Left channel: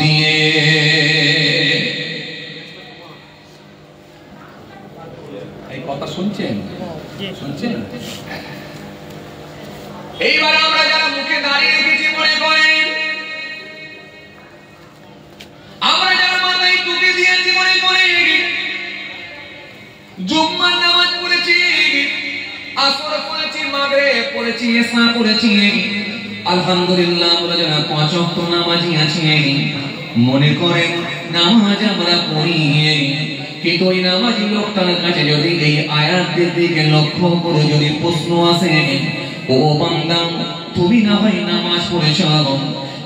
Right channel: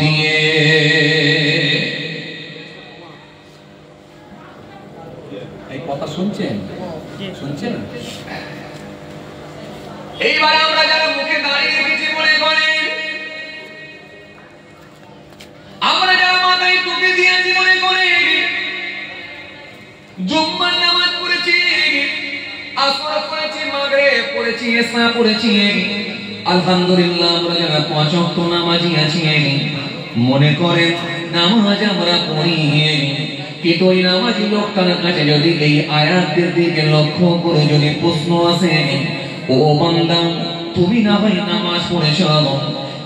দিয়ে এই কথা শুনছেন? এইবার আমরা যারা মুখে দাঁড়িয়ে রেখেছি মনে করেন, আমরা যারা মাথায় টুপি দিয়েছি মনে করে, জুম্মার নামাজ পড়েছি, আসর পড়েছি, মাগরিব পড়েছি, ইশা পড়েছি, আলহামদুলিল্লাহ আমরা যারা 5 ওয়াক্ত নামাজি আছি মনে করেন নামাজ আমরা পড়ি, কিন্তু ওই নামাজি লোকটার কাছে যদি এই আয়াতের দিকে লক্ষ্য করে যদি প্রশ্ন আসে, ও বান্দা তুমি না হয় নামাজ পড়েছ,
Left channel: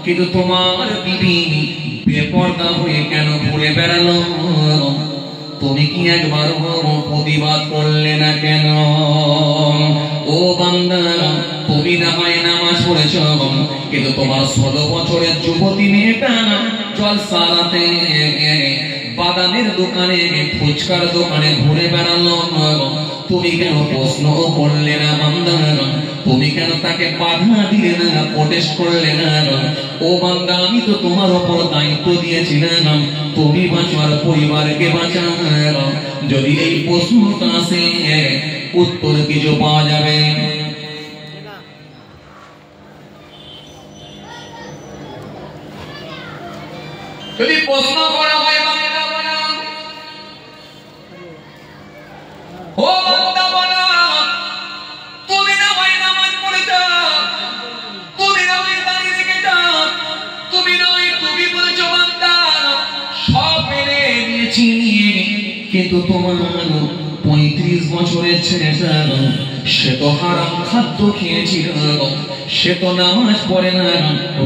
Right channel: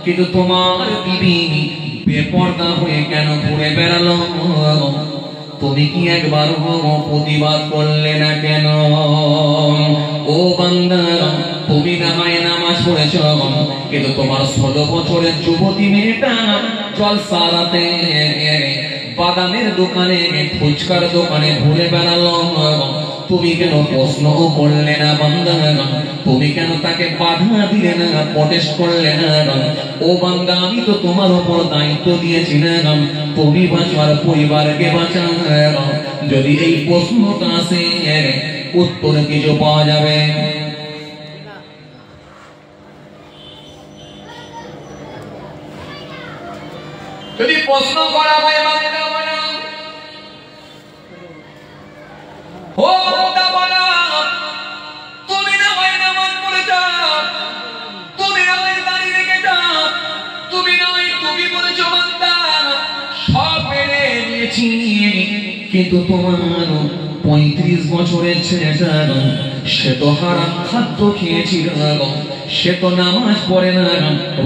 কিন্তু তোমার বিবি বেপরদা হয়ে কেন ঘুরে বেড়ালো? তুমি কি একবার প্রতিবাদ করলে না কেন? ও বান্দা তুমি না হয় নামাজ পড়েছ, কিন্তু তোমার 16 বছরের যুবতী মেয়েটা জলসারাতে বাদামের দোকানে ফুচকার দোকানে ঘুরে বেড়ালো, তুমি কেন প্রশ্ন করলে না? বান্দা তুমি কেন তাকে বাধা দিলে না, প্রটেস্ট করলে না? ও বান্দা আমি তো তোমার উপর দায়িত্ব দিয়েছিলাম, তুমি বাঁচো আর পরিবারকে বাঁচাও। যদি এই প্রশ্নটা আসে উত্তর কিছু পাওয়া যাবে? যদি প্রশ্ন করা হয় ও বান্দা বলো, তুমি না হয় নামাজ পড়েছ, তুমি না হয় দাঁড়িয়ে রেখেছ, তুমি না হয় টুপি পড়েছ, বান্দা সব মেনে নিয়েছি, কিন্তু তোমার 35 বছরের ছেলেটা সে তো হারাম খাদ্য খেয়েছিল, সে তো নামাজ পড়ে না,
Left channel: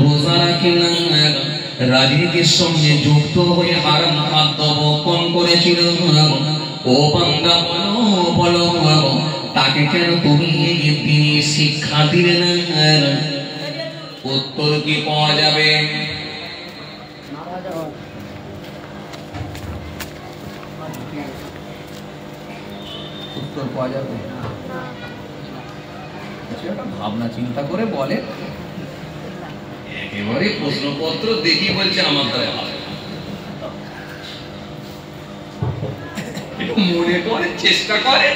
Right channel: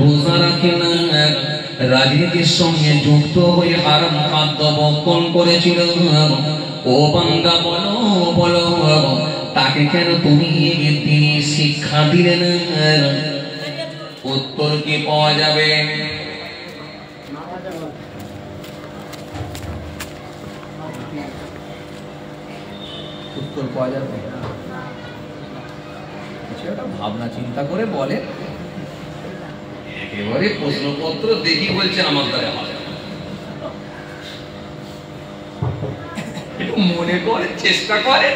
রোজা রাখে না, রাজনীতির সঙ্গে যুক্ত হয়ে হারাম খাদ্য ভক্ষণ করেছিল। ও বান্দা বলো বলো তাকে কেন তুমি তিনি শিক্ষা দিলে না? উত্তর কি পাওয়া যাবে? উত্তর পাওয়া যাবে? কিছু একটা ভাবনা চিন্তা করে বলে। একেবারে প্রশ্নপত্র দেখি বলছে আমার দ্বারা হবে, মনে করে চেষ্টা করে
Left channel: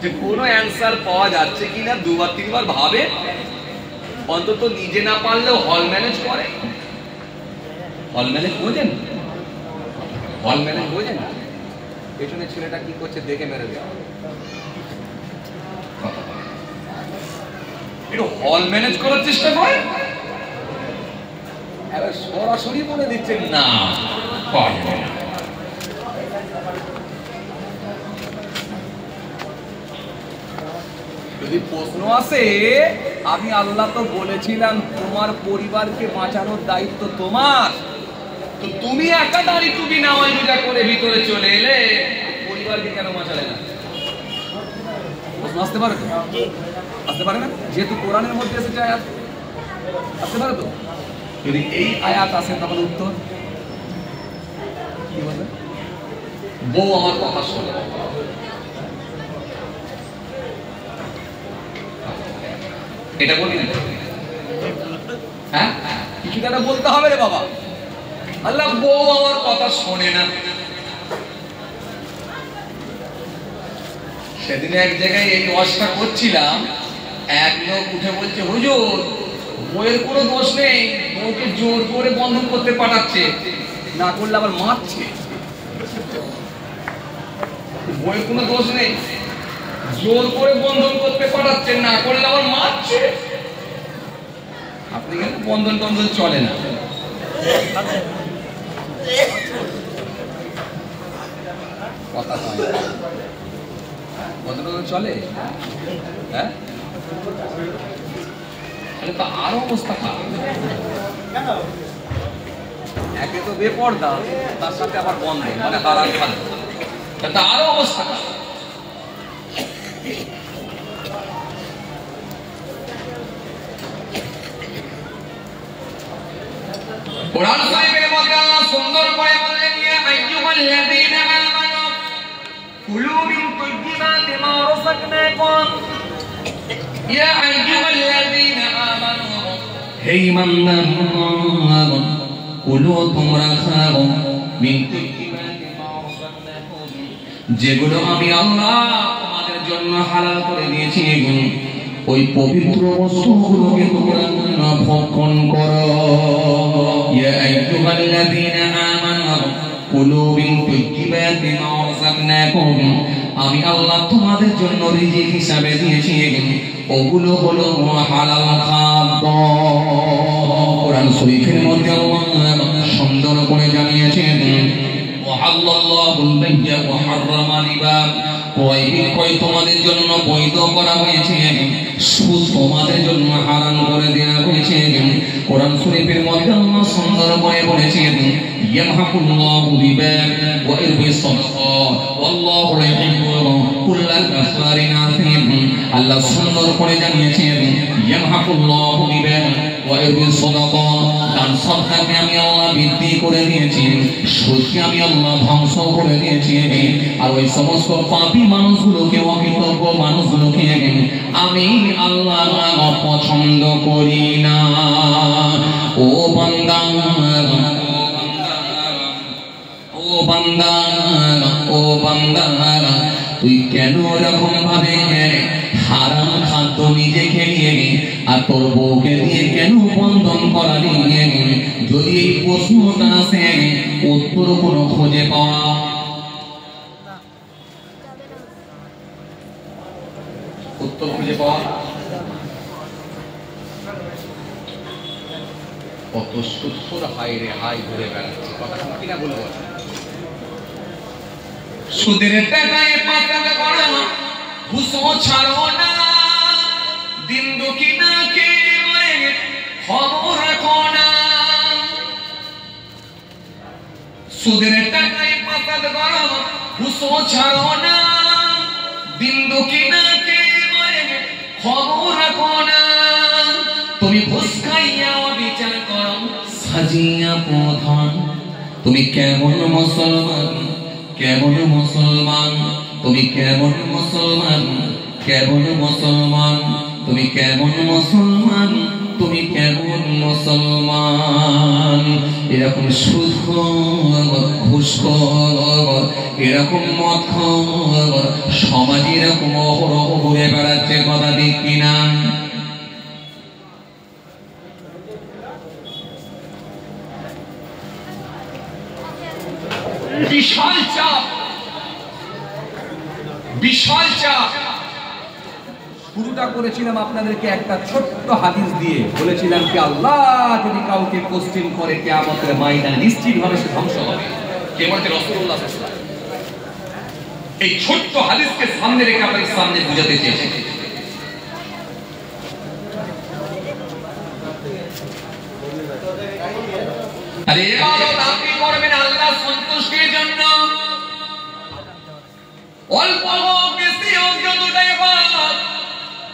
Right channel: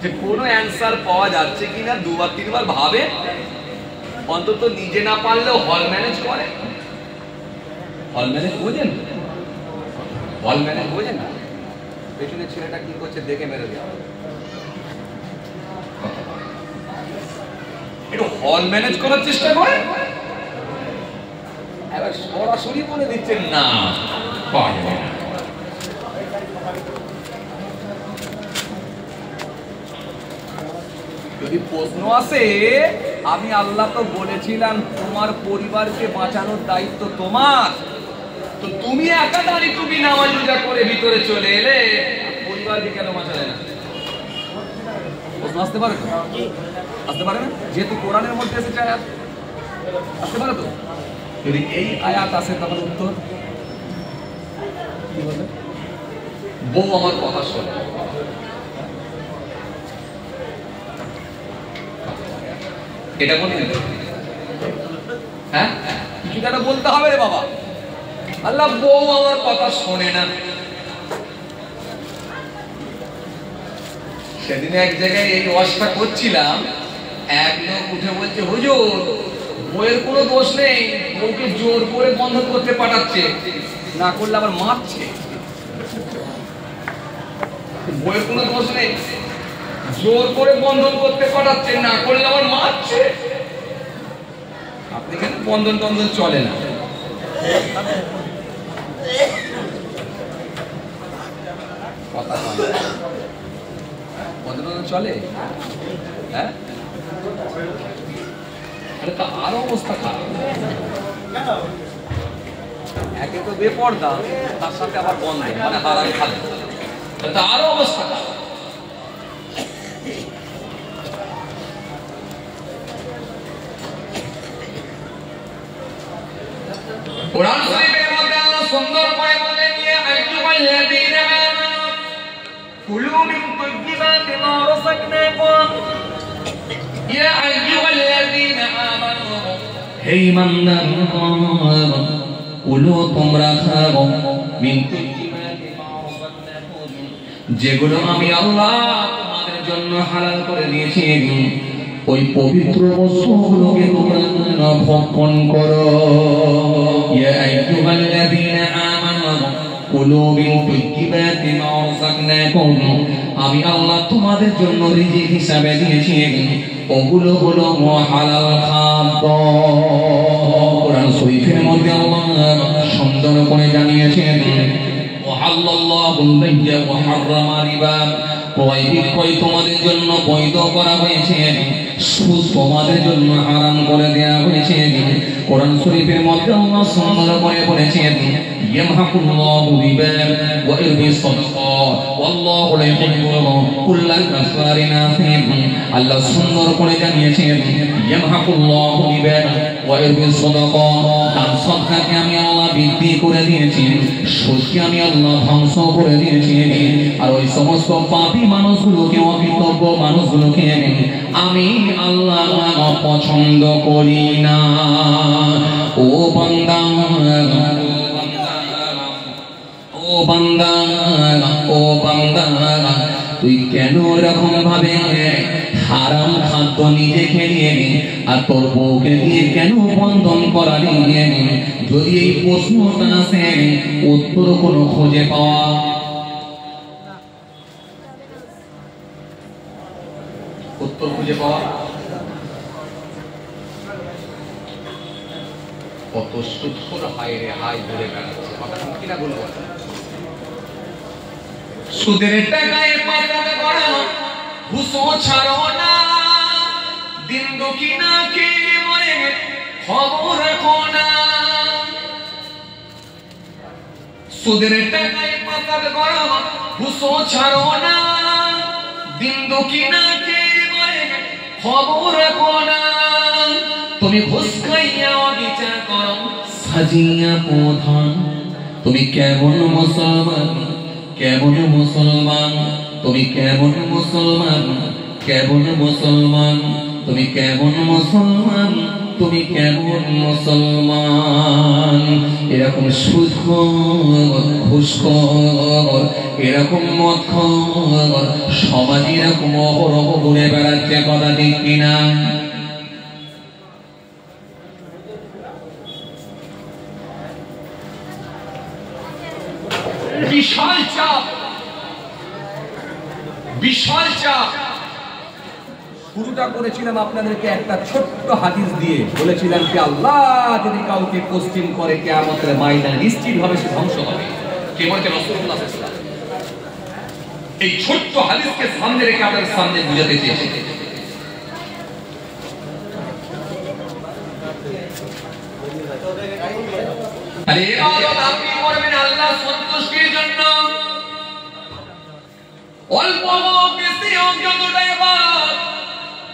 যে কোনো অ্যান্সার পাওয়া যাচ্ছে কিনা, 2-3 বার ভাবে, অন্তত নিজে না পারলেও হল ম্যানেজ করে। হল ম্যানেজ বোঝেন? হল ম্যানেজ বোঝেন? পেছনে ছেলেটা কি করছে দেখে মেরে দেওয়া, একটু হল ম্যানেজ করার চেষ্টা করে, এবার সরাসরি বলে দিচ্ছেন না পারবে না। যদি প্রশ্ন আসে, আমি আল্লাহ তো বলেছিলাম তোমার পরিবারকে বাঁচানোর দায়িত্ব তোমার, তো তুমি একা দাঁড়িয়ে তুমি নামাজ রোজা করে ভিতরে চলে এলে, পরিবারকে কেন বাঁচালে না? প্রশ্ন আসতে পারে তো? আসতে পারে না? যেহেতু কোরআনের মধ্যে এসেছে আয়াত, আসতে পারে তো? যদি এই আয়াত আসে তাহলে উত্তর কি বলবে? বউ আমার কথা শোনে, এটা বলবেন? হ্যাঁ, কিছু একটা বলতে হবে রে বাবা। আল্লাহ বউ আমার কথা শোনে না। সেদিন এক জায়গায় এই ওয়াজটা করছিলাম, এক লোক উঠে বলছে, হুজুর বউয়ের কোনো দোষ নেই, বউকে জোর করে বন্ধন করতে পাঠাচ্ছে, না করলে আবার মারছে। বউয়ের কোনো দোষ নেই, জোর করে বন্ধন করতে পাঠাচ্ছে, না করলে আবার মারছে। আপনি কেন বন্ধন টন্ধন চলে না? কথা হয় বন্ধন চলে? হ্যাঁ, তা আরো অবস্থা খারাপ। একে তো বেপর্দা, তার সাথে আবার বন্ধন মানে হারাম খাদ্য, তা আরো অবস্থা খারাপ। কুরআন শরীফের মধ্যে সুন্দর করে বলেন, ইয়া আইয়ুহাল্লাযীনা আমানু কুলু মিন তাইয়্যিবাতি মা রাযাকনাকুম, ইয়া আইয়ুহাল্লাযীনা আমানু হে ঈমানদারগণ কুলু তোমরা খাও মিন যেগুলো আমি আল্লাহ তোমাদের জন্য হালাল করে দিয়েছি ওই পবিত্র বস্তুগুলোকে তোমরা ভক্ষণ করো ইয়া আইয়ুহাল্লাযীনা আমানু কুলু মিন তাইয়্যিবাতি মা রাযাকনাকুম আমি আল্লাহ তোমাদের জন্য রিজিক হিসাবে দিয়েছি ওগুলো হলো হালাল খাদ্য কোরআন শরীফের মধ্যে আল্লাহ সুন্দর করে জানিয়েছেন ওয়াহাল্লাল্লাহুল বাইয়া ওয়া হাররামা রিবা তোমাদের জন্য বৈধ করা হয়েছে সুদ তোমাদের জন্য হারাম করে দেওয়া হয়েছে কোরআন শরীফের মধ্যে আল্লাহ সুন্দর করে বলেছেন ইয়ামহাকুল্লাহু রিবা ওয়া ইরবি সাদাকাত ওয়াল্লাহু লা ইউহিব্বু কুল্লা কাফারিন আথিম আল্লাহ সুন্দর করে জানিয়েছেন ইয়ামহাকুল্লাহু রিবা ওয়া ইরবি সাদাকাত দান সদকাকে আমি আল্লাহ বৃদ্ধি করে দিয়েছি সুদকে আমি আল্লাহ ধ্বংস করে দিয়েছি আর ওই সমস্ত পাপী মানুষগুলোকে অকৃতজ্ঞ মানুষগুলোকে আমি আল্লাহ পছন্দ করি না ও বান্দা ও বান্দা ও বান্দা তুই কেন এরকম ভাবে হারাম খাদ্য নিজে খেয়ে আর তোর বউকে দিয়ে কেন বন্ধন করালি যদি এই প্রশ্নটা আসে উত্তর কোনো খুঁজে পাওয়া উত্তর খুঁজে পাওয়া কত সুৎখোর হায় রে হায় ঘুরে বেড়াচ্ছে কথা ঠিক কিনা বলবো সুদের টাকায় পাতলে করো ঘুষো ছাড়ো না দিন দুকিনা কে মরে খবর রাখো না সুদের টাকায় পাতলে করো ঘুষো ছাড়ো না দিন দুকিনা কে মরে খবর রাখো না তুমি ঘুষ খাইয়া বিচার করো সাজিয়া প্রধান তুমি কেমন মুসলমান কেমন মুসলমান তুমি কেমন মুসলমান কেমন মুসলমান তুমি কেমন মুসলমান তুমি কেমন মুসলমান এরকম সুদখোর ঘুষখোর এরকম মদখোর সমাজ এরকম অহরহ ঘুরে বেড়াচ্ছে কথা ঠিক কিনা বিশাল চাপ বিশাল চাপ শুরুটা করেছিলাম আপনাদেরকে একটা ছোট্ট হাদিস দিয়ে বলেছিলাম কি আল্লাহ যদি কাউকে কোশ্চেন করে কিয়ামতের ময়দানে নিশ্চিতভাবে সে ধ্বংস হবে কে বলেছে রাসূলুল্লাহ সাল্লাল্লাহু আলাইহি ওয়াসাল্লাম এই ছোট্ট হাদিসকে সামনে রেখে আপনাদের সামনে বুঝাতে চেয়েছি আরে আপনি করবেন আল্লাহ সন্তুষ্টির জন্য অল্প হোক বেশি হোক যতটাই হোক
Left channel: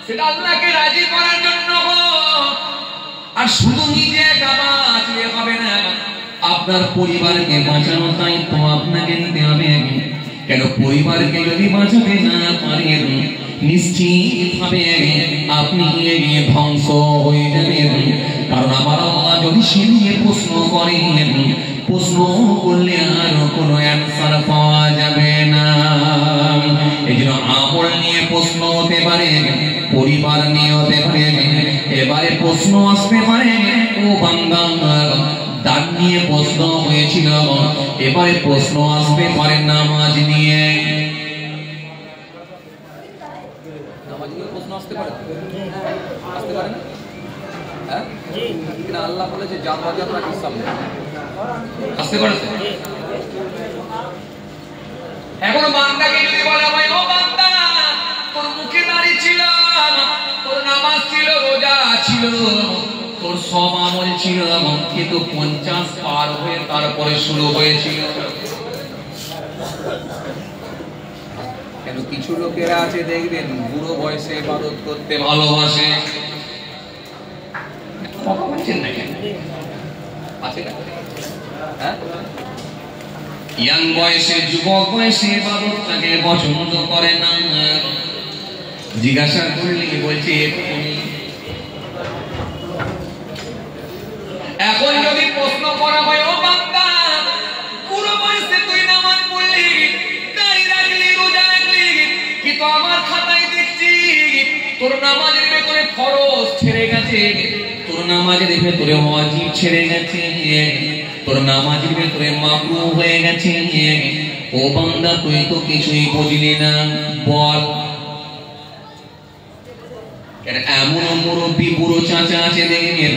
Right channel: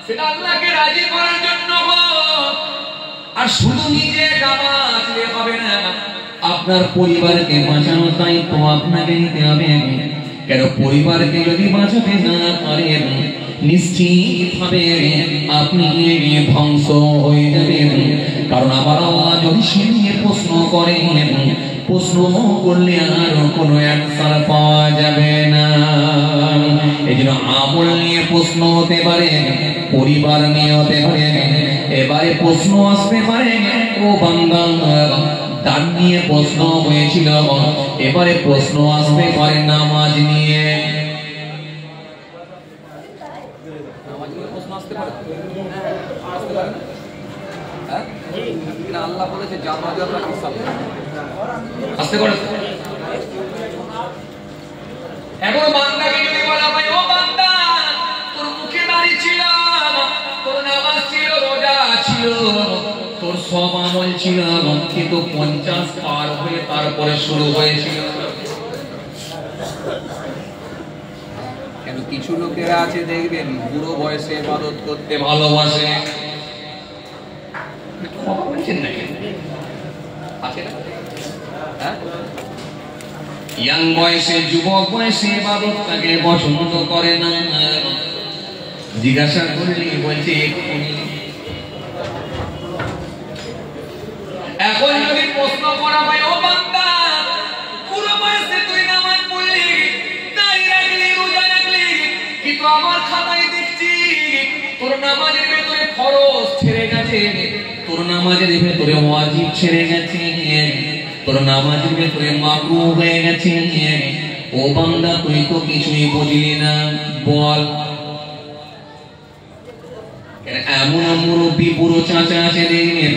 সেটা আল্লাহকে রাজি করার জন্য হোক আর শুধু নিজে বাঁচলে হবে না আপনার পরিবারকে বাঁচানো দায়িত্ব আপনাকে নিতে হবে কেন পরিবারকে যদি বাঁচাতে না পারেন নিশ্চিতভাবে আপনি ধ্বংস হয়ে যাবেন কারণ আমার আল্লাহ যদি সে নিয়ে প্রশ্ন করেন প্রশ্ন করলে আর কোনো অ্যান্সার পাওয়া যাবে না এই জন্য আমল নিয়ে প্রশ্ন হতে পারে পরিবার নিয়ে হতে পারে এবারে প্রশ্ন আসতে পারে ও বান্দা দান নিয়ে প্রশ্ন হয়েছিল এবারে প্রশ্ন আসতে পারে নামাজ নিয়ে প্রশ্ন আসতে পারে না হ্যাঁ কিনা আল্লাহ বলেছে জাররা জাররা হিসাব নেই আসতে পারে এখন বান্দাকে যদি বলা হয় ও বান্দা তোর মুখে দাড়ি ছিল তোর নামাজ ছিল রোজা ছিল তোর সব আমল ছিল কিন্তু 50 পার হয়ে তারপরে শুরু হয়েছিল কেন কিছু লোকেরা আছে দেখবেন বুড়ো বয়সে ইবাদত করতে ভালোবাসে কথা বলছেন না কেন আছে না হ্যাঁ ইয়াং বয়সে যুবক বয়সে ইবাদতটাকে পছন্দ করে না জিজ্ঞাসা করলে বলছে এখন যদি প্রশ্ন করা হয় ও আমার খাতায় দেখছি তোর নামাজের ভেতরে ফরজ ছেড়ে গেছে, তোর নামাজের ভেতরে ওয়াজিব ছেড়ে গেছে, তোর নামাজের ভেতরে মাকরুহ হয়ে গেছে। ও বান্দা তুই তো কিছুই বুঝলি না, বল। এমন মুরব্বী বুড়ো চাচা আছে দেখবেন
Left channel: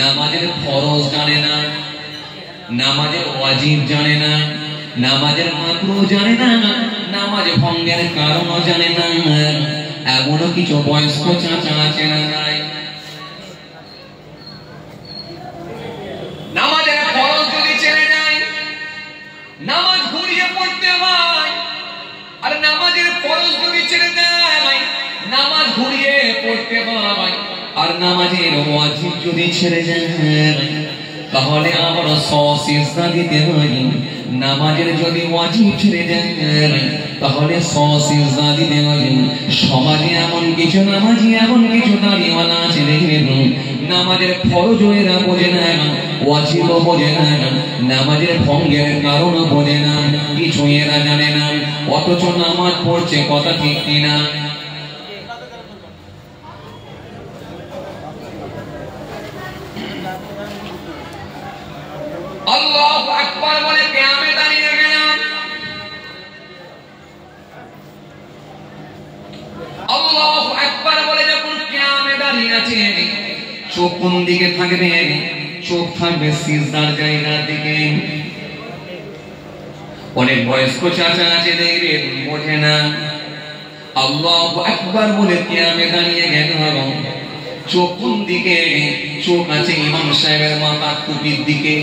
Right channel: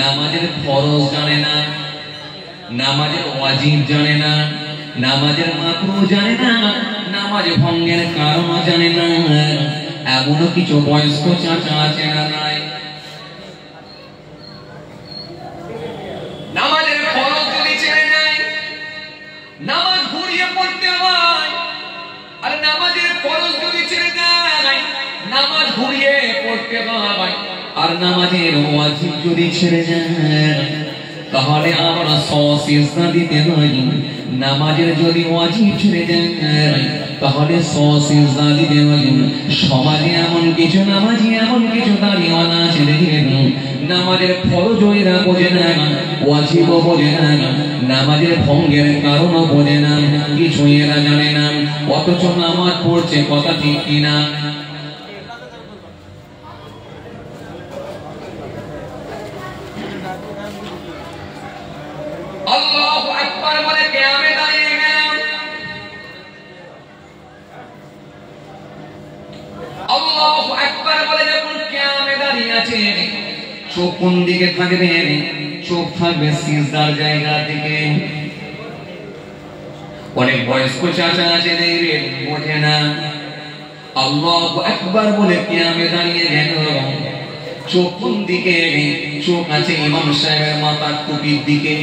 নামাজের ফরজ জানে না, নামাজের ওয়াজিব জানে না, নামাজের মাকরুহ জানে না, নামাজ ভঙ্গের কারণ জানে না। এমনও কিছু বয়স্ক চাচা আছে না নাই? নামাজের ফরজ যদি ছেড়ে যায়, নামাজ ঘুরিয়ে পড়তে হয়। আর নামাজের ফরজ যদি ছেড়ে দেয়, নামাজ ঘুরিয়ে পড়তে হয়। আর নামাজের ওয়াজিব যদি ছেড়ে যায়, তাহলে আমার সিজদা দিতে হয়। নামাজের যদি ওয়াজিব ছেড়ে যায়, তাহলে সিজদা দিতে হয়। সমাজে এমন কিছু নামাজি, এমন কিছু দাঁড়িয়েওয়ালা আছে দেখবেন নামাজের ফরজও এরা বোঝে না, ওয়াজিবও বোঝে না, নামাজের ভঙ্গের কারণও বোঝে না, কিছুই এরা জানে না, অথচ নামাজ পড়ছে। কথা ঠিক কিনা? আল্লাহু আকবার বলে কিয়ামে দাঁড়িয়ে গেলাম। আল্লাহু আকবার বলে যখন কিয়ামে দাঁড়িয়ে আছে, চোখ কোন দিকে থাকবে? চোখ থাকবে সিজদার জায়গার দিকে। অনেক বয়স্ক চাচা আছে দেখবেন বোঝে না। আল্লাহু আকবার বলে কিয়ামে দাঁড়িয়ে গেল, চোখ কোন দিকে? চোখ আছে ইমাম সাহেবের মাথার টুপির দিকে।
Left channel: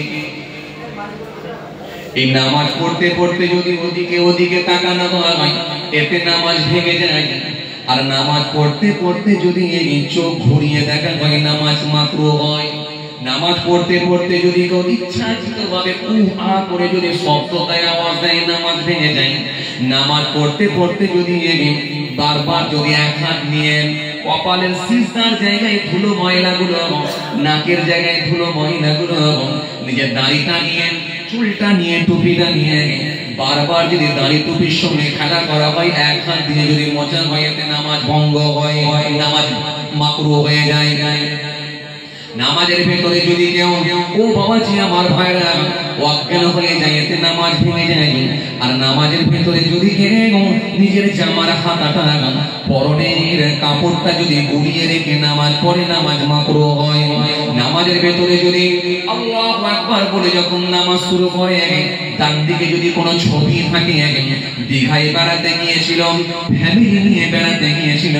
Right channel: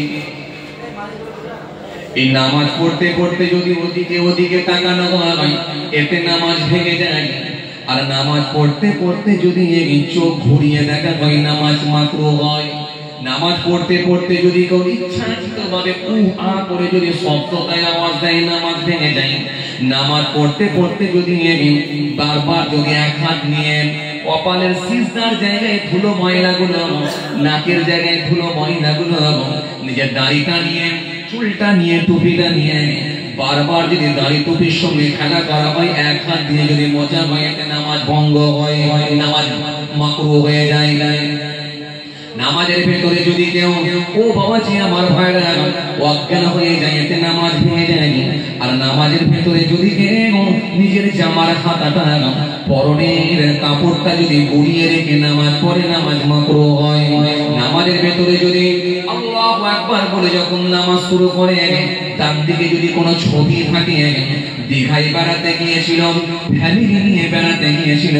এই নামাজ পড়তে পড়তে যদি ওদিকে ওদিকে তাকানো হয়, এতে নামাজ ভেঙে যায়। আর নামাজ পড়তে পড়তে যদি এই চোখ ঘুরিয়ে দেখা হয়, নামাজ মাকরুহ হয়। নামাজ পড়তে পড়তে যদি কেউ ইচ্ছাকৃতভাবে উহা করে যদি শব্দটায় আওয়াজ দেয়, নামাজ ভেঙে যায়। নামাজ পড়তে পড়তে যদি বারবার যদি এক হাত নিয়ে কপালের সিজদার জায়গায় ধুলো ময়লাগুলো, নাকের জায়গায় ধুলো ময়লাগুলো, নিজের দাড়িটা নিয়ে, চুলটা নিয়ে, টুপিটা নিয়ে বারবার যদি দাড়ি টুপির সঙ্গে খেলা করা হয়, এক হাত দিয়ে যদি মোচা হয়, এতে নামাজ ভঙ্গ হয়, নামাজ মাকরুহ হয়ে যায়। নামাজের ভেতরে যদি কেউ ও বাবাজি আমার ভাইরা অজ্ঞান হয়ে যায়, এতে নামাজ ভেঙে যায়। আর নামাজের ভেতরে যদি কেউ নিজের জামার হাতাটা, পরনের কাপড়টা যদি গুড়িয়ে রেখে নামাজ পড়ে, নামাজ মাকরুহ হয়। নামাজের ভেতরে যদি আল্লাহু আকবার বলে যখন নামাজ শুরু করে, তার দিকে যদি কোনো ছবি থাকে, দীঘায় বেড়াতে গিয়েছিল, ফ্যামিলি নিয়ে বেড়াতে গিয়েছিল,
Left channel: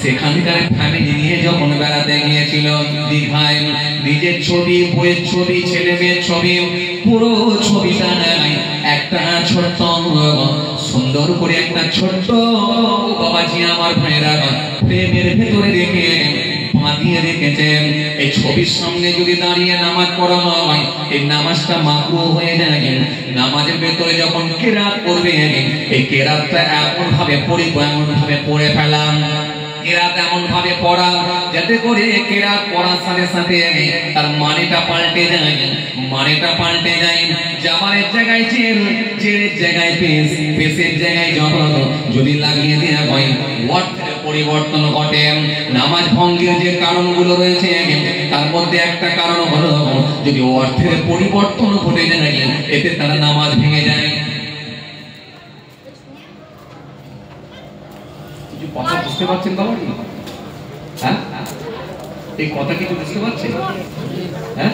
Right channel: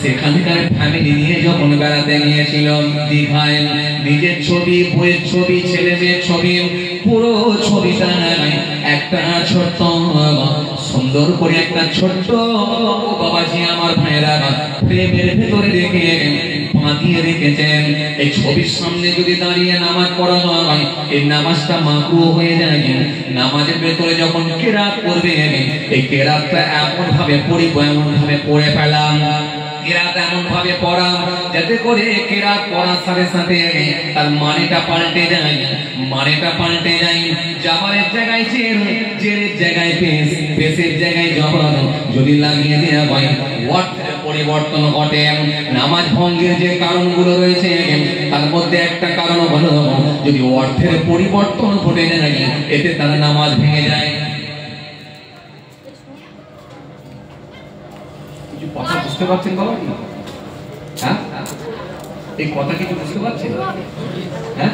সেখানকার ফ্যামিলি নিয়ে যখন বেড়াতে গিয়েছিল দীঘায়, নিজের ছবি, বইয়ের ছবি, ছেলে মেয়ের ছবি, পুরো ছবিটা একটা ছোট্ট সুন্দর করে একটা ছোট্ট বাবাজি আমার ভাইরা প্রেমের ভেতরে রেখে বাঁধিয়ে রেখেছেন। এই ছবির সামনে যদি দাঁড়িয়ে নামাজ পড়া হয়, এই নামাজটা মাকরুহ হয়ে যায়। নামাজের ভেতরে যখন কেরাত পড়বে, এই কেরাতটা এমন ভাবে পড়িব, এমন ভাবে পড়ে ফেলাম, কেরাত এমন ভাবে পড়া যাতে করে কেরাত পড়ার সাথে সাথে তার মানেটা পাল্টে যায়, মানেটা পাল্টে যায়। জামারের জায়গায় জের, জেরের জায়গায় পেশ, পেশের জায়গায় জবর যদি লাগিয়ে দেওয়া হয়, অর্থের পরিবর্তন ঘটে। নামাজ ভঙ্গের যে কারণগুলো রয়েছে, তার মধ্যে একটা কারণ হলো যদি অর্থের পরিবর্তন ঘটে যায়, এতে তার নামাজ ভেঙে যায়। কথা বুঝতে পারছেন বাবা? হ্যাঁ, এই কথা কিছু বুঝতে পারছেন? হ্যাঁ,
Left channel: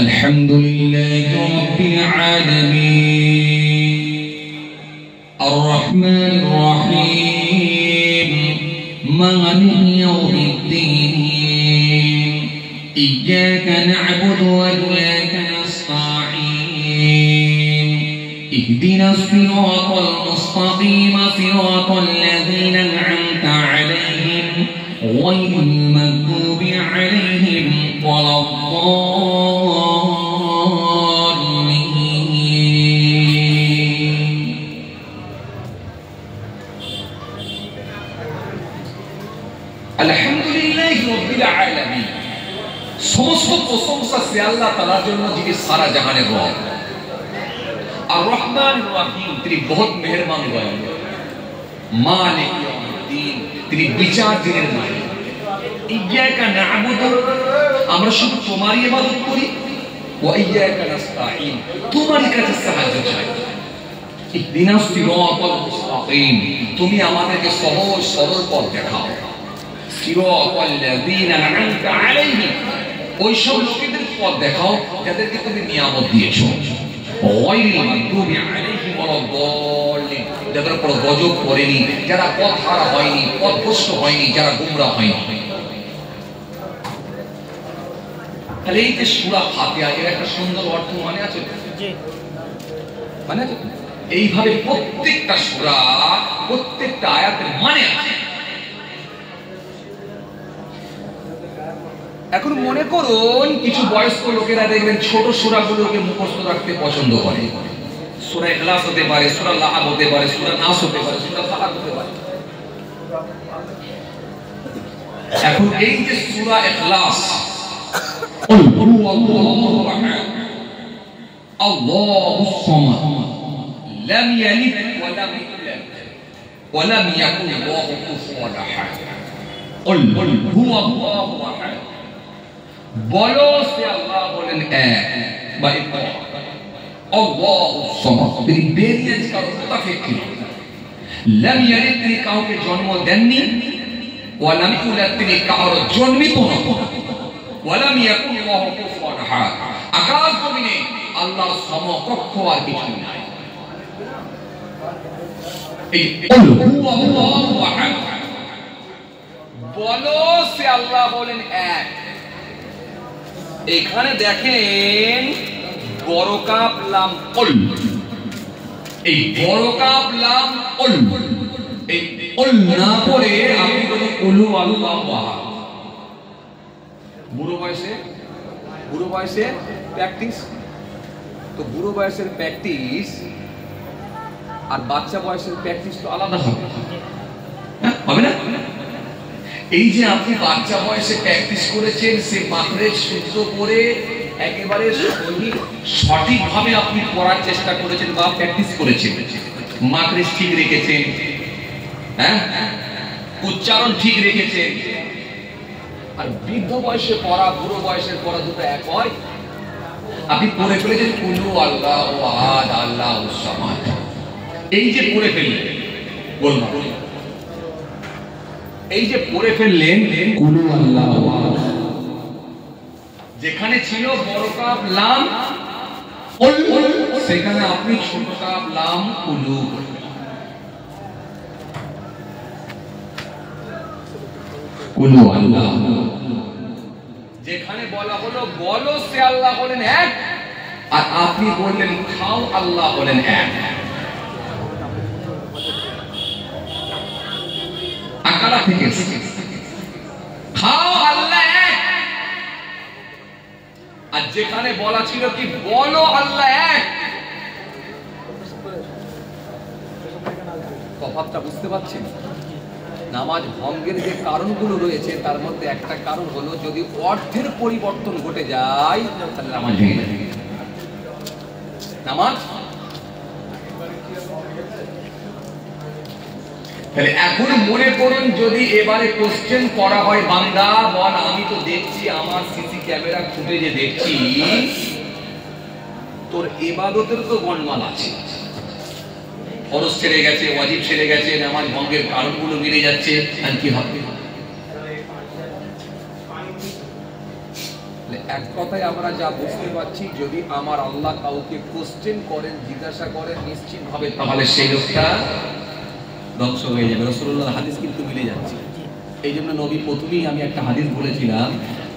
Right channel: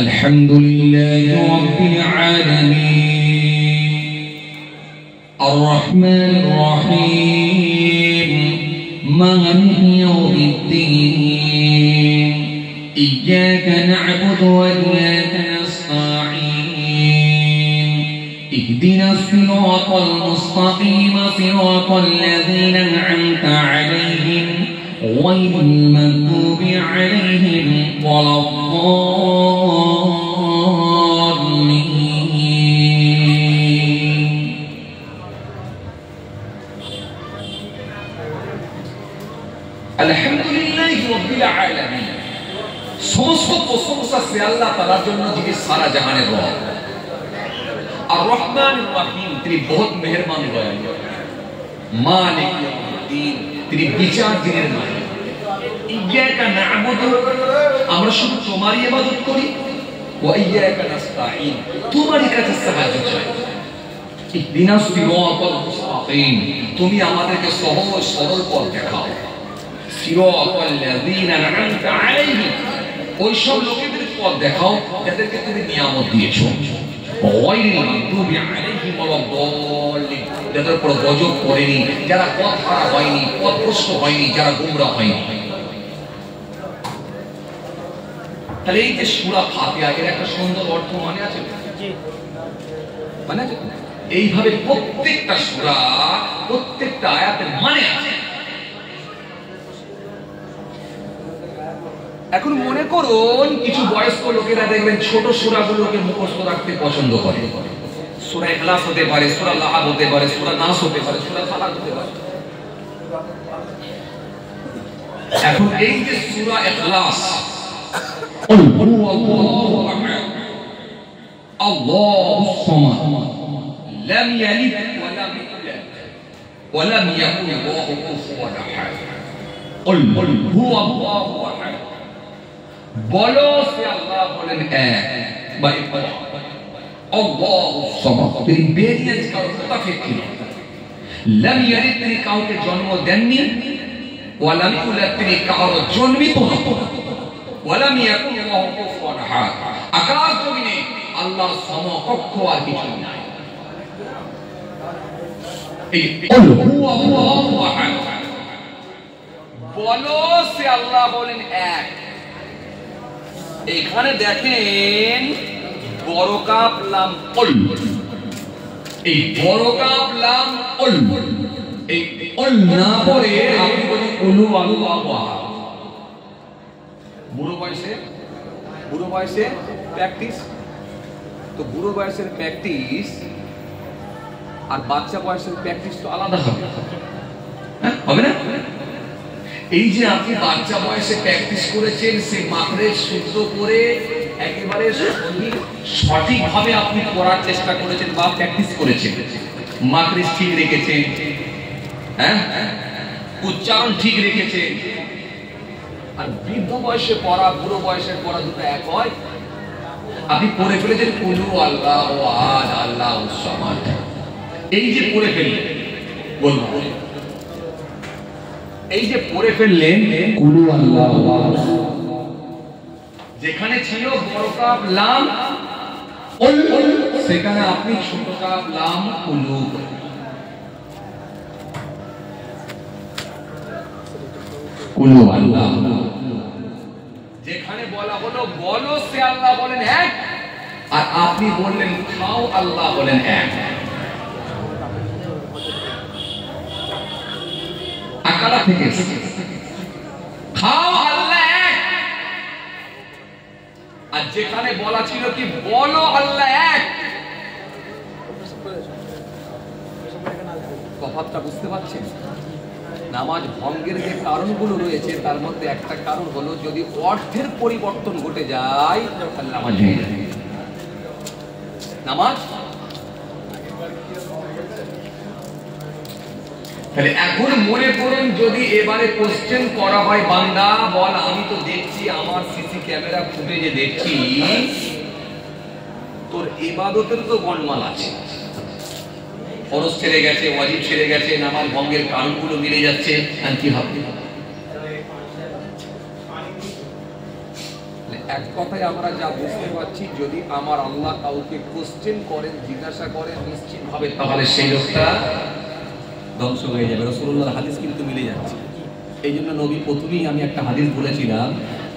আলহামদুলিল্লাহি রাব্বিল আলামিন আর রহমানির রহিম মালিকি ইয়াউমিদ্দিন ইয়্যাকা না'বুদু ওয়া ইয়্যাকা اهدنا الصراط المستقيم صراط الذين أنعمت عليهم غير المغضوب عليهم ولا الضالين. الحمد لله رب العالمين সমস্ত প্রশংসা সে আল্লাহ তাআলার জন্য যিনি সারা জাহানের রব আর রহমান রহিম, তিনি বহুত মেহেরবান দয়ালু, মালিক ইয়াউমিদ্দিন, তিনি বিচার দিনের মালিক। ইয়্যাকা না'বুদু, আমরা শুধু তোমারই ইবাদত করি, ওয়া ইয়্যাকা নাস্তাঈন, তোমারই কাছে সাহায্য চাই। ইহদিনাস সিরাতাল মুস্তাকিম, তুমি আমাদেরকে সহজ সরল পথ দেখাও। সিরাতাল লাযীনা আন'আমতা আলাইহিম, ওই সব লোকেদের পথ দেখাও যাদেরকে তুমি নিয়ামত দিয়েছো। গায়রিল মাগদুবি আলাইহিম ওয়ালাদ-দাল্লিন, যাদের উপর গজব পড়েনি, যারা পথ হারা হয়নি, পথভ্রষ্ট হয়নি, যারা গোমরা হয়নি। তাহলে এই যে সূরা ফাতিহা, এর একটা সুন্দর অর্থ মানে আছে, মানে আছে। এইভাবে প্রত্যেকটা সূরা, প্রত্যেকটা আয়াতের মানে আছে। এখন মনে করুন কিছু বয়স্ক লোকেরা দেখবেন ছোট সূরাগুলোকে মুখস্থ রাখতে পছন্দ করে। সূরা ইখলাস হতে পারে, সূরা লাহাব হতে পারে, সূরা নাস হতে পারে, সূরা ফালাক হতে পারে। এখন এই যে সূরা ইখলাস, কুল হুয়াল্লাহু আহাদ, আল্লাহুস সামাদ, লাম ইয়ালিদ ওয়া লাম ইউলাদ ওয়া লাম ইয়াকুল লাহু কুফুওয়ান আহাদ। কুল হুয়াল্লাহু আহাদ, বলো সে আল্লাহ বলেন এক বা একক। আল্লাহুস সামাদ, তিনি ভেরিয়েন্স কারো মুতাফিক ছিল। লাম ইয়ালিদ, তিনি কাউকে জন্ম দেননি। ওয়া লাম ইউলাদ, তিনি কারো জন্মিত নন। ওয়া লাম ইয়াকুল লাহু কুফুওয়ান আহাদ, আকাশ জমিনে আল্লাহর সমকক্ষ আর কিছু নাই। এই কুল হুয়াল্লাহু আহাদ, বলো সে আল্লাহ বলেন এক। এখানে দেখেন বড় কাপ লাম কুল, এই বড় কাপ লাম কুল, এই কুল না পড়ে আপনি বলেন কুলু আল্লাহু আহাদ। বুড়ো বয়সে প্র্যাকটিস, তো বুড়ো বয়সের প্র্যাকটিস আর বাচ্চা বয়সের প্র্যাকটিস তো আলাদা হবে, হবে না? এই যে আপনি বাচ্চা বয়সে প্র্যাকটিস করেছেন, সে মাত্রায় শুদ্ধ করে একেবারে সঠিকভাবে আপনি পড়ার চেষ্টা করেছেন বা প্র্যাকটিস করেছেন, মাত্রা ঠিক রেখেছেন, হ্যাঁ, উচ্চারণ ঠিক রেখেছেন। আর বৃদ্ধ বয়সে পড়া, বুড়ো বয়সের পড়া দুটো এক হয়? আপনি পড়ে ফেলেছেন কুলু আল্লাহু আহাদ, আল্লাহুস সামাদ, এই যে পড়ে ফেললেন, বলবো এই যে পড়ে ফেললেন কুলু আল্লাহু আহাদ, যেখানে ছিল বড় কাপ লাম কুল, সেখানে আপনি ছোট কাপ লাম কুলু। কুলু আল্লাহ, যেখানে বলা হলো বলো সে আল্লাহ বলেন এক, আর আপনি বললেন খাও আল্লাহ বলেন এক। আকালা থেকে খাও আল্লাহ এক, আর যেখানে বলা ছিল কি বলো আল্লাহ এক। তফাৎটা বুঝতে পারছেন? নামাজ ভঙ্গের যে কারণগুলো রয়েছে তার মধ্যে একটা কারণ হলো যদি অর্থের পরিবর্তন ঘটে যায় তাহলে নামাজ ভেঙে যাবে। নামাজ তাহলে এখন মনে করুন যদি এবারে কোশ্চেন করা হয়, বান্দা বল আমি তো দেখছি আমার সিসি ক্যামেরা ফুটেজে দেখছি তোর ইবাদতের তো গণমাল আছে, ফরজ ছেড়ে গেছে, ওয়াজিব ছেড়ে গেছে, নামাজ ভঙ্গের কারণগুলো মিলে যাচ্ছে, আর কি হবে? এক কথায় আমরা যা বুঝতে পারছি, যদি আমার আল্লাহ কাউকে কোশ্চেন করেন, জিজ্ঞাসা করেন নিশ্চিত ভাবে, তাহলে সেই লোকটা ধ্বংস হয়ে যাবে। রাসূলুল্লাহর হাদিস কিন্তু মিলে যাচ্ছে। এই জন্য নবী প্রথমেই আমি একটা হাদিস বলেছিলাম,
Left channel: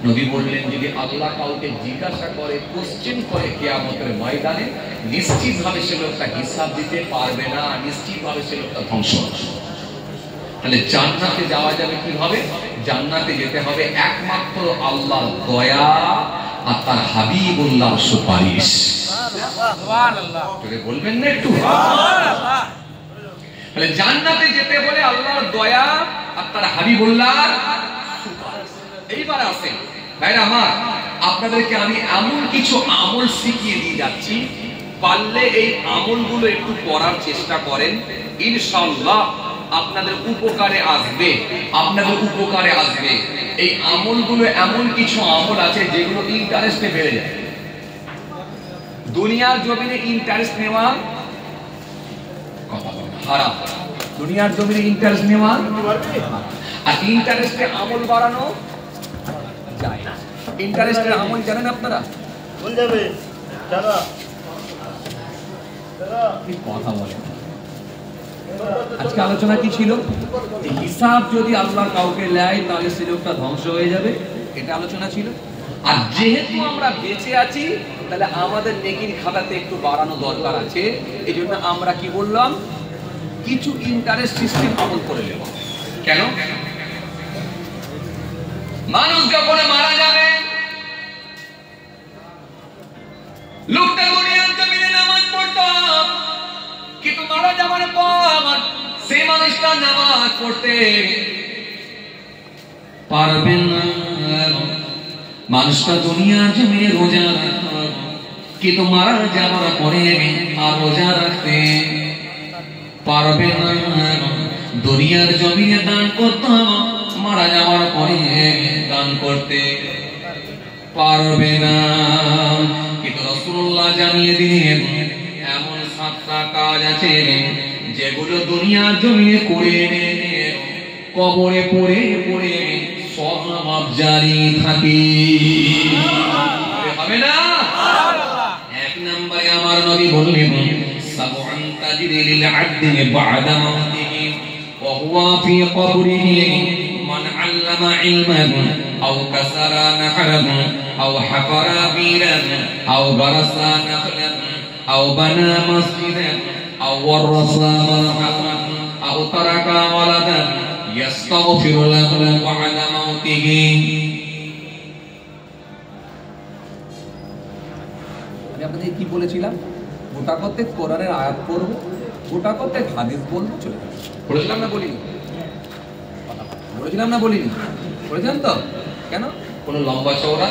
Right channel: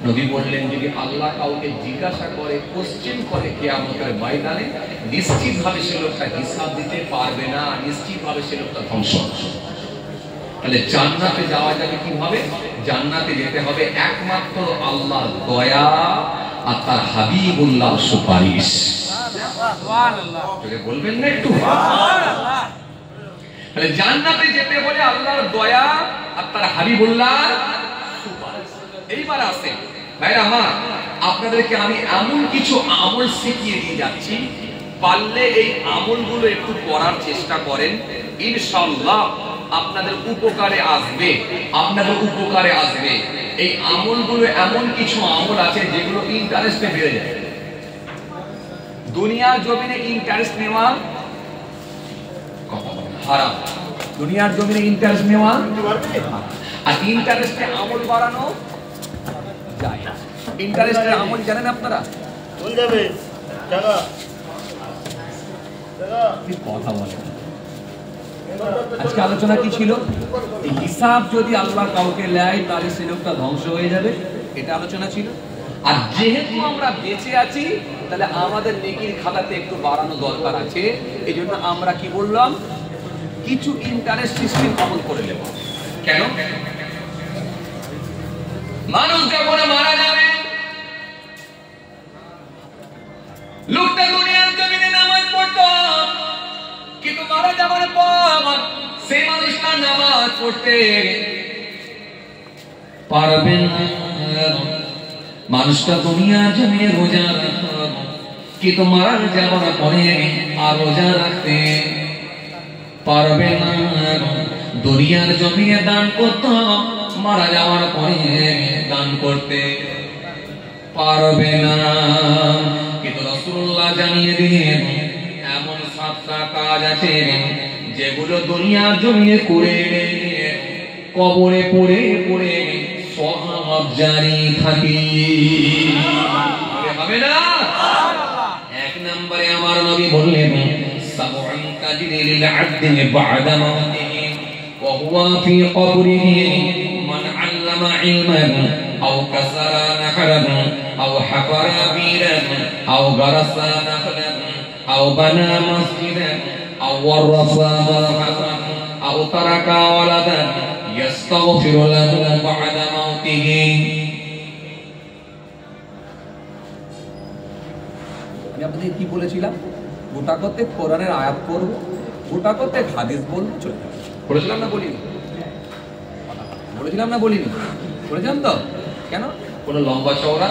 নবী বললেন যদি আল্লাহ কাউকে জিজ্ঞাসা করে, কোশ্চেন করে কিয়ামতের ময়দানে, নিশ্চিত ভাবে সে লোকটা হিসাব দিতে পারবে না, নিশ্চিত ভাবে সে লোকটা ধ্বংস। তাহলে জান্নাতে যাওয়া যাবে কিভাবে? জান্নাতে যেতে হবে একমাত্র আল্লাহর দয়া আর তার হাবিবুল্লাহর সুপারিশ। সুবহানাল্লাহ, বলবেন না একটু? তাহলে জান্নাতে যেতে হলে আল্লাহর দয়া আর তার হাবিবুল্লাহর সুপারিশ। এইবার আসেন ভাইরা আমার, আপনাদেরকে আমি এমন কিছু আমল শিখিয়ে দিয়ে যাচ্ছি, পারলে এই আমলগুলো একটু করার চেষ্টা করেন, ইনশাআল্লাহ আপনাদের উপকারে আসবে, আপনাদের উপকারে আসবে। এই আমলগুলো এমন কিছু আমল আছে যেগুলো ইন্টারেস্টে বেড়ে যায়। দুনিয়ার জমিনে ইন্টারেস্ট নেওয়া হারাম, দুনিয়ার জমিনে ইন্টারেস্ট নেওয়া আর ইন্টারেস্টে আমল বাড়ানো যায়। ইন্টারেস্টের আমল জানেন আপনারা? কথা বলেন। আজকে আলোচনা কি ছিল? হিসাব যদি আল্লাহ কাউকে নেয় তাহলে সে লোকটা ধ্বংস হয়ে যাবে, এটা আলোচনা ছিল। আর যেহেতু আমরা বেঁচে আছি তাহলে আমাদের নেকির খাতাতে একটু বাড়ানো দরকার আছে, এই জন্য আমরা কি বললাম, কিছু ইন্টারেস্ট সিস্টেম আমল করে নেব। কেন? মানুষ যখন মারা যাবে, লোকটা দুনিয়ার জমিনে নামাজ পড়তো, কিন্তু মারা যাবার পর সেই মানুষটা নামাজ পড়তে পারবে না। মানুষটা দুনিয়ার জমিনে রোজা রাখতো, কিন্তু মারা যাবার পরে আর রোজা রাখতে পারবে না। দুনিয়ার জমিনে দান করতো, মারা যাওয়ার পরে দান করতে পারবে না। কিন্তু রাসূলুল্লাহ জানিয়ে দিলেন এমন 7টা কাজ আছে যেগুলো দুনিয়ার জমিনে করে কবরে পড়ে পড়ে সওয়াব জারি থাকে, হবে না? এক নম্বরে আমার নবী বললেন, সাবউন তাজরি লিল আবদি বা'দা মাউতিহি ওয়া হুয়া ফি কবরিহি মান আল্লামা ইলমান আও কাসারা নাহরান আও হাফারা বীরান আও গারাসা নাখলান আও বানা মসজিদান আও ওয়ারাসা মারহামান আও তারাকা ওয়ালাদান ইস্তাগফিরু লাহু বা'দা মাউতিহি। আমি আপনাদের কি বলেছিলাম? গোটা করতে কোরআনের আয়াত পড়ব, গোটা করতে হাদিস বলবো, চলে যাবো। বলেছিলাম না বলিনি? বলেছিলাম না বলিনি? বলেছিলাম তো। কেন? কোনো লম্বা চওড়া